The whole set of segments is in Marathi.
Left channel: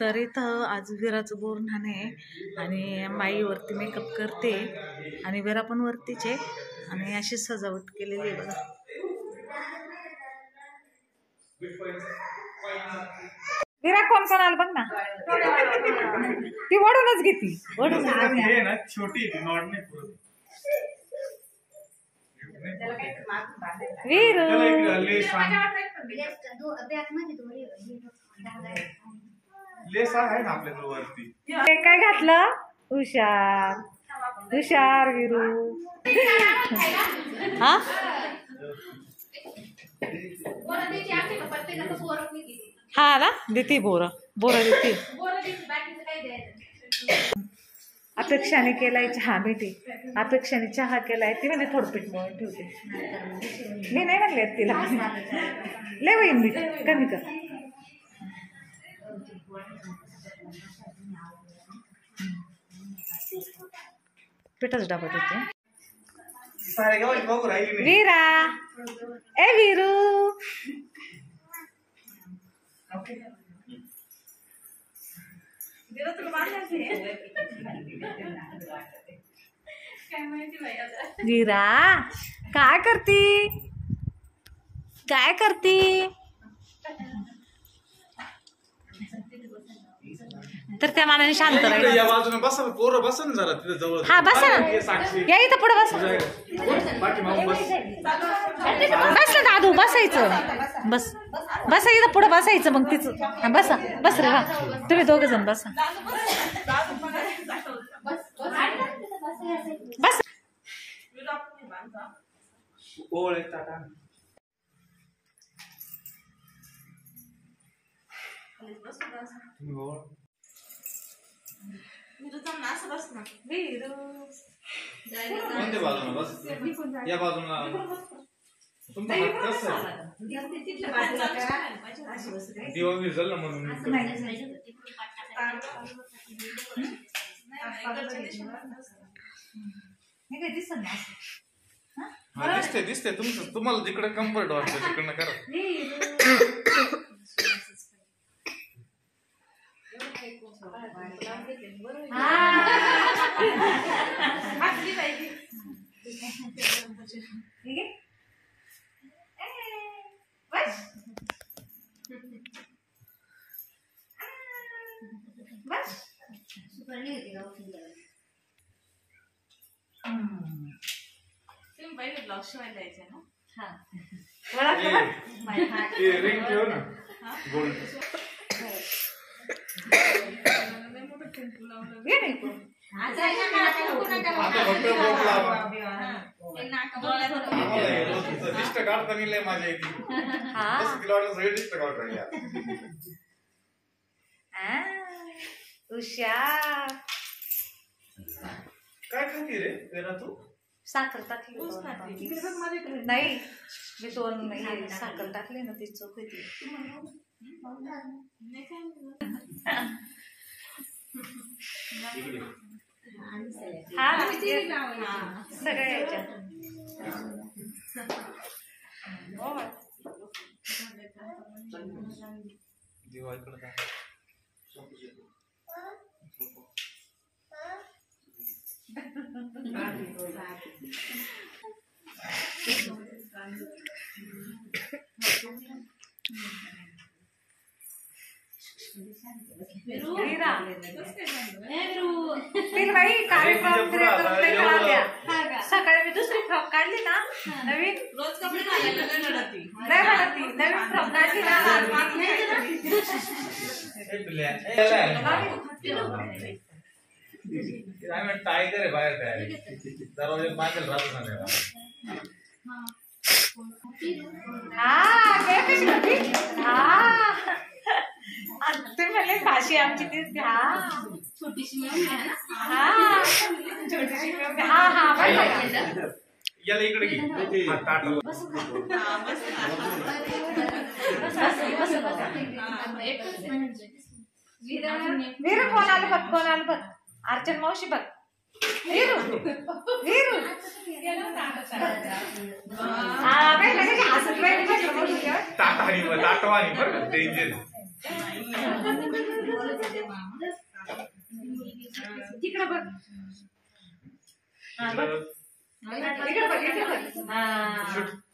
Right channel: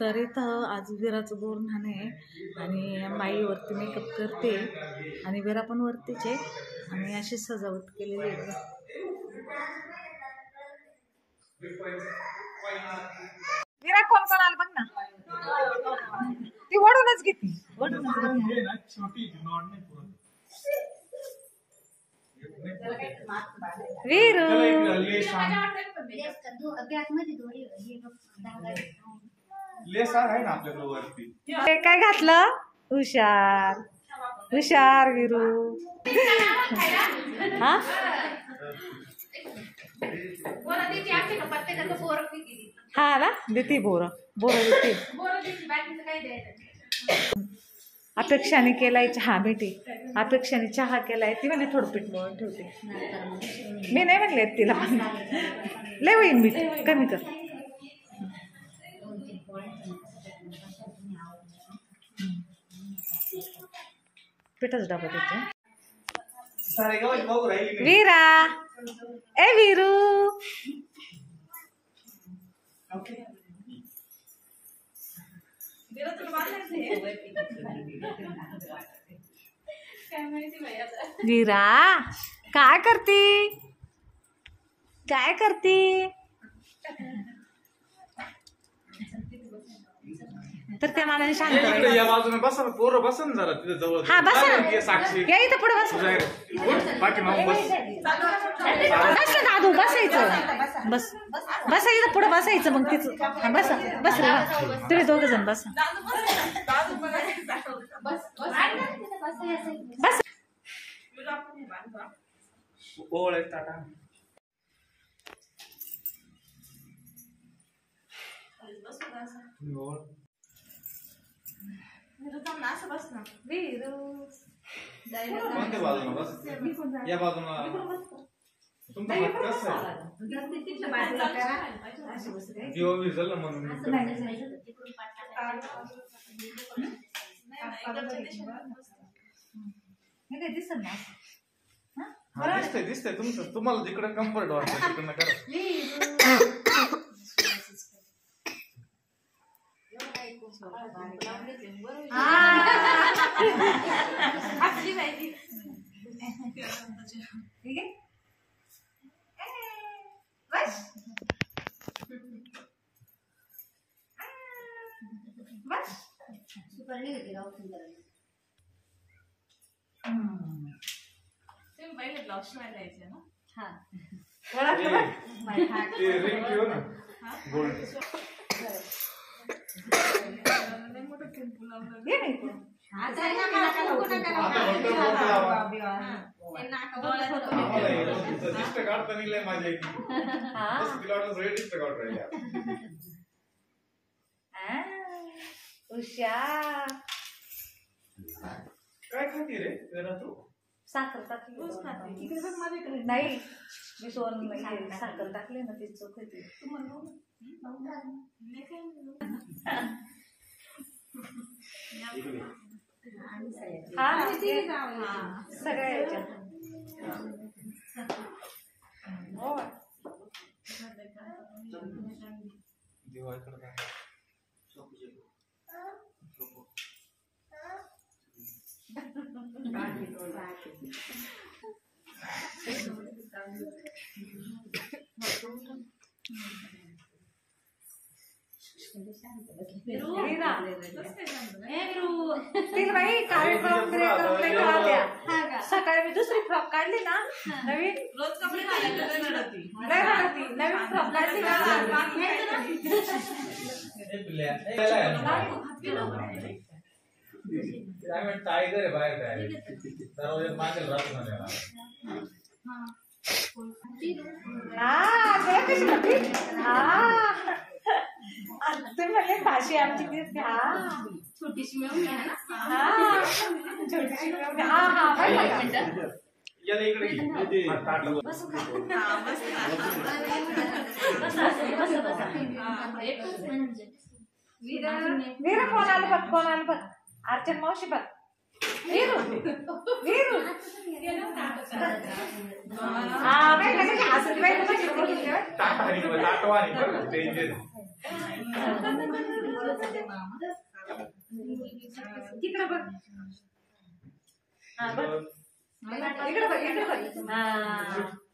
तर इथं आज विराचं बोरन्हाण आहे आणि बाई वरती मेकअप करते आणि विरा पण वरतीच आहे आणि अशी सजावट केलेली आहे बघा. विरा कोण कोण आलं बघ ना, ती वडूनच घेती, वडूनच छोटी वीरू काय घातलं. हुशार हुशार वीरू. हा हा ना देते बोर देते. अपेक्षाने केलाय चहा भेटे. अपेक्षाने चहा केलाय ती म्हणे थोडं पीठ मळून ठेवते. मी नाही म्हणले तिला लय होईन मी कमी कर. पिठाच डबा देते. वीरा ए वीरू वीरा काय करती काय करती. तर त्या मानाने शांत राहील. हा बसा ना, या इथं पुढे बस. बस ना दादू बसायचं. बस बसा इथं पुढे बसायचं मग तिचं. हा बसा बस रे वा तुम्ही दोघ जण बसा. बस या बाजूला दिवा विझल म्हणून दिसते तुमचं. तुम्हाला जिकडे कम्फर्ट वाटतं तिकडनं करा. पहिले ब्लॉग शिवायला यायचे ना. हा रिंग ठेव ना गोल्ड. हुशार काय खाती रे तेरा तू. साखर टाकली नाही मी दोन साखर टाकली ना ती चोख होती. सगळ्या याच्यात सकाळी मी दुसरी फ्रॉक काढली ना नवीन. रोज कपडे नवीन फ्रॉक काढली ना. टायगर आहे बाहेर काय दरवाजा मागेल राहतो तुम्ही म्हणले भाषी आमची दिसते. छोटीशी वीरू कोण आलं बघ, कोण आलं बघ. अर्चन मावशी बघ. वीरू वीरू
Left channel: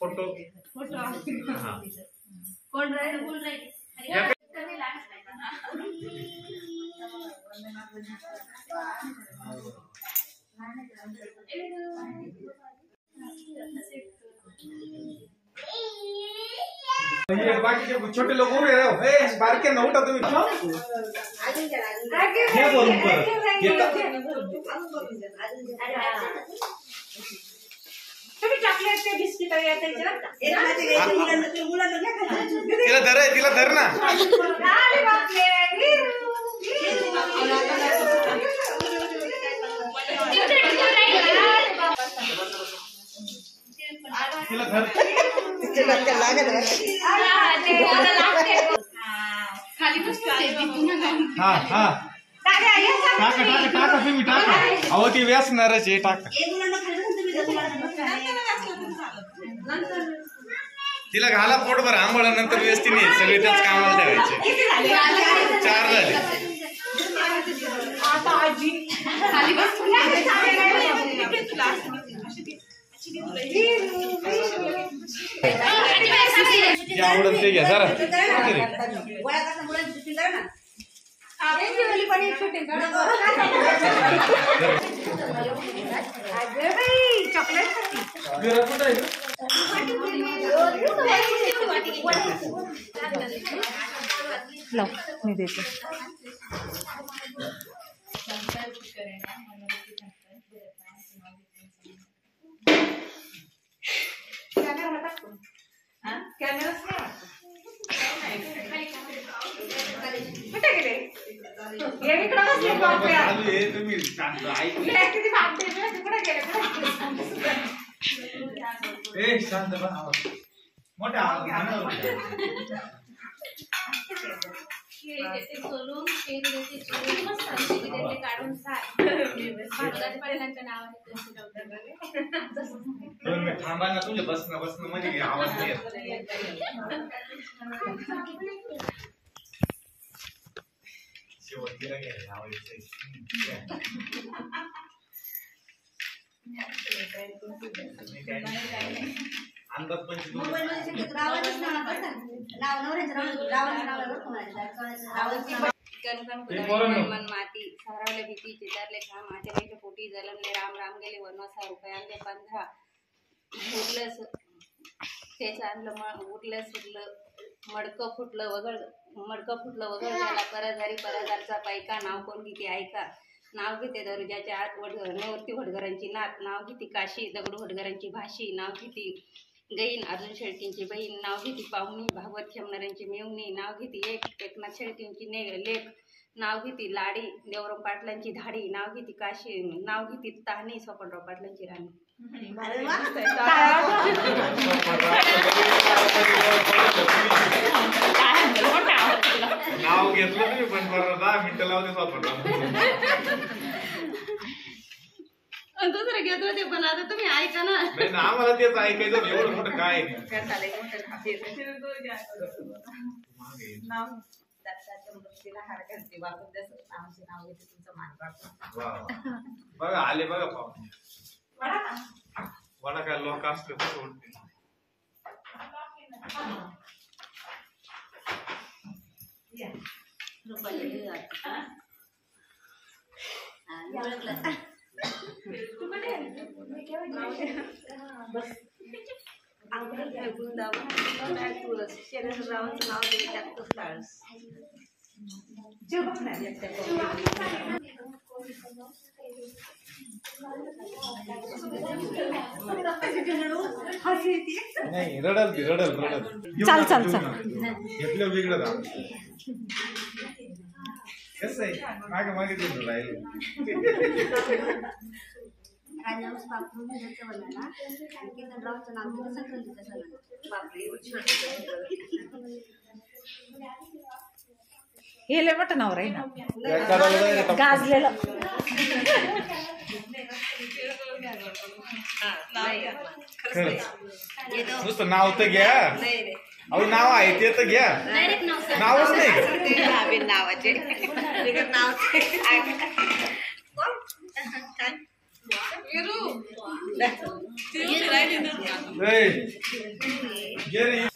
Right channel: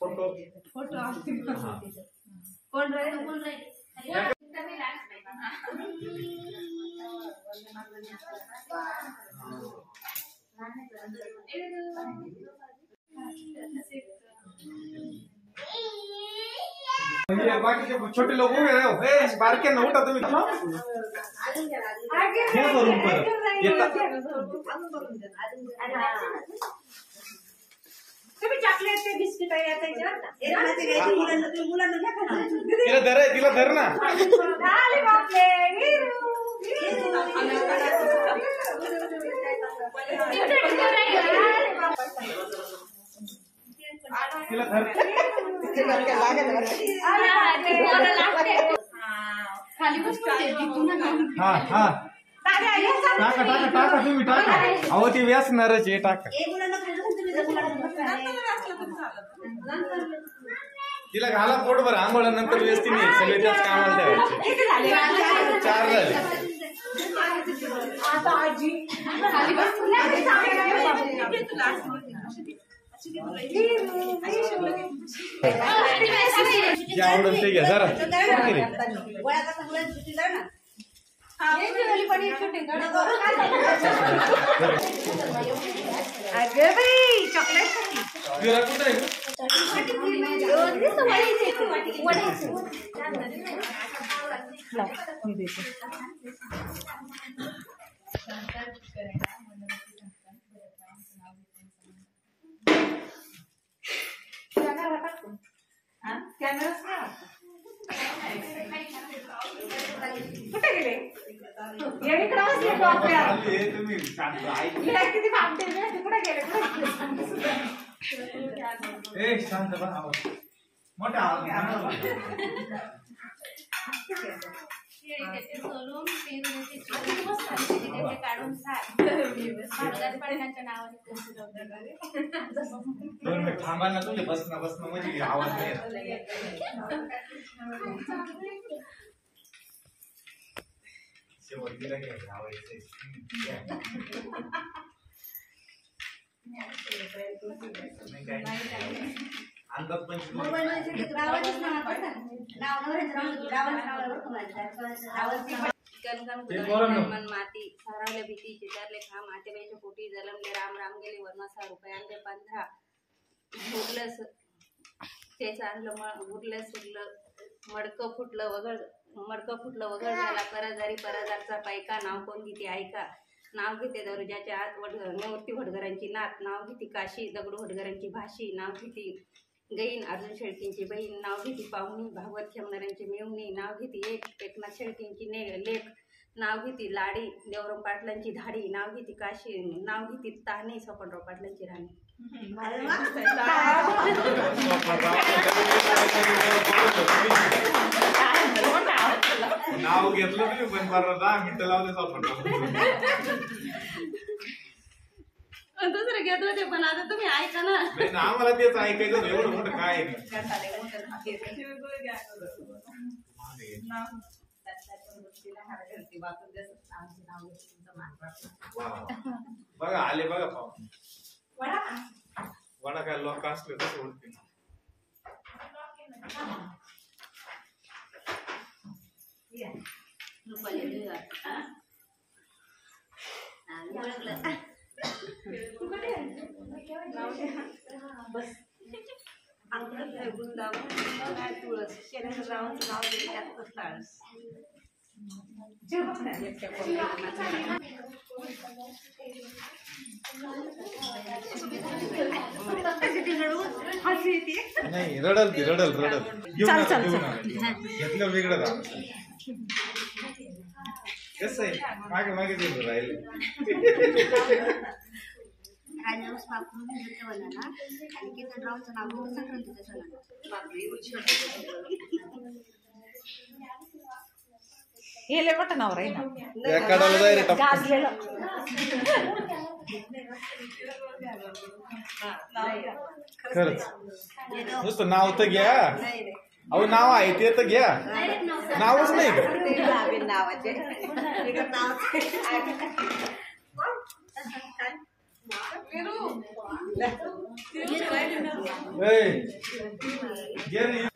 फोटो कोण राहील बाकीचे छोटे लोक उभे राहा बारके न उठा तुम्ही हे भरून परत तुम्ही चॉकलेट ते बिस्किट तिला धर तिला धर ना तिला धर हा हा टाका टाका टाका तुम्ही टाका अहो ती व्यासणारच आहे टाका तिला घाला पोटभर आंघोळा नंतर व्यस्ती नाही सगळे त्याच कामाला जायचे 4 झाले आता आजी जे आवडत ते घ्या जरा मी देते कुठे गेले शांत मोठा सोलून काढून पाटलांच्या नावाने थांबा ना तुझे बसणं म्हणजे आवाज नाही शेवटला घ्यायला लावायचं अंदाज मन माती सारावल्या भीती चितारले खा माझ्या पोटी जलमले राम राम गेले वनवासा रुपयांले 15 उरलंच तेच आणलं उरलं सुरलं मडकं फुटलं वगळ झाला परजारचा पायका नाव कोण किती ऐका नाव घेते दरुजाच्या आत नेवरती वडगरांची नात नाव घेती काशी दगडू वडगरांची भाशी नाव घेती गईन अर्जुन शेळकेंची बहीण नाव घेती पाहुणी भागवत खेमणाऱ्यांची मेवणी नाव घेती एकनाथ शेळकेंची लेख नाव घेती लाडी देवराम पाटलांची धाडी नाव घेती काशी नाव घेती ताहणी स्वपनराव पाटलांची राणी नाव घेतलं तुम्ही पण 10 मिनिटं लावले स्वपनराव दुसरं घेत होते पण आता तुम्ही ऐका ना आम्हाला तेच ऐकायचं एवढं मोठं काय बघा आले बघा वडा काय लोक असले कसं उठते नाही रडल घेतलं वेगळं कसं आहे मागे राहिले राजाऊस बापरू घेतलं वनाला आणि कीर्तनरावचं नाव संक्रांतीच्या सणाला हे लय मोठं नाव राही ना गाजलेलं नुसतं नाव तर घ्या अहो नाव आहे ते तर घ्या नावच नाही नावाचे नाव ए, ये रे.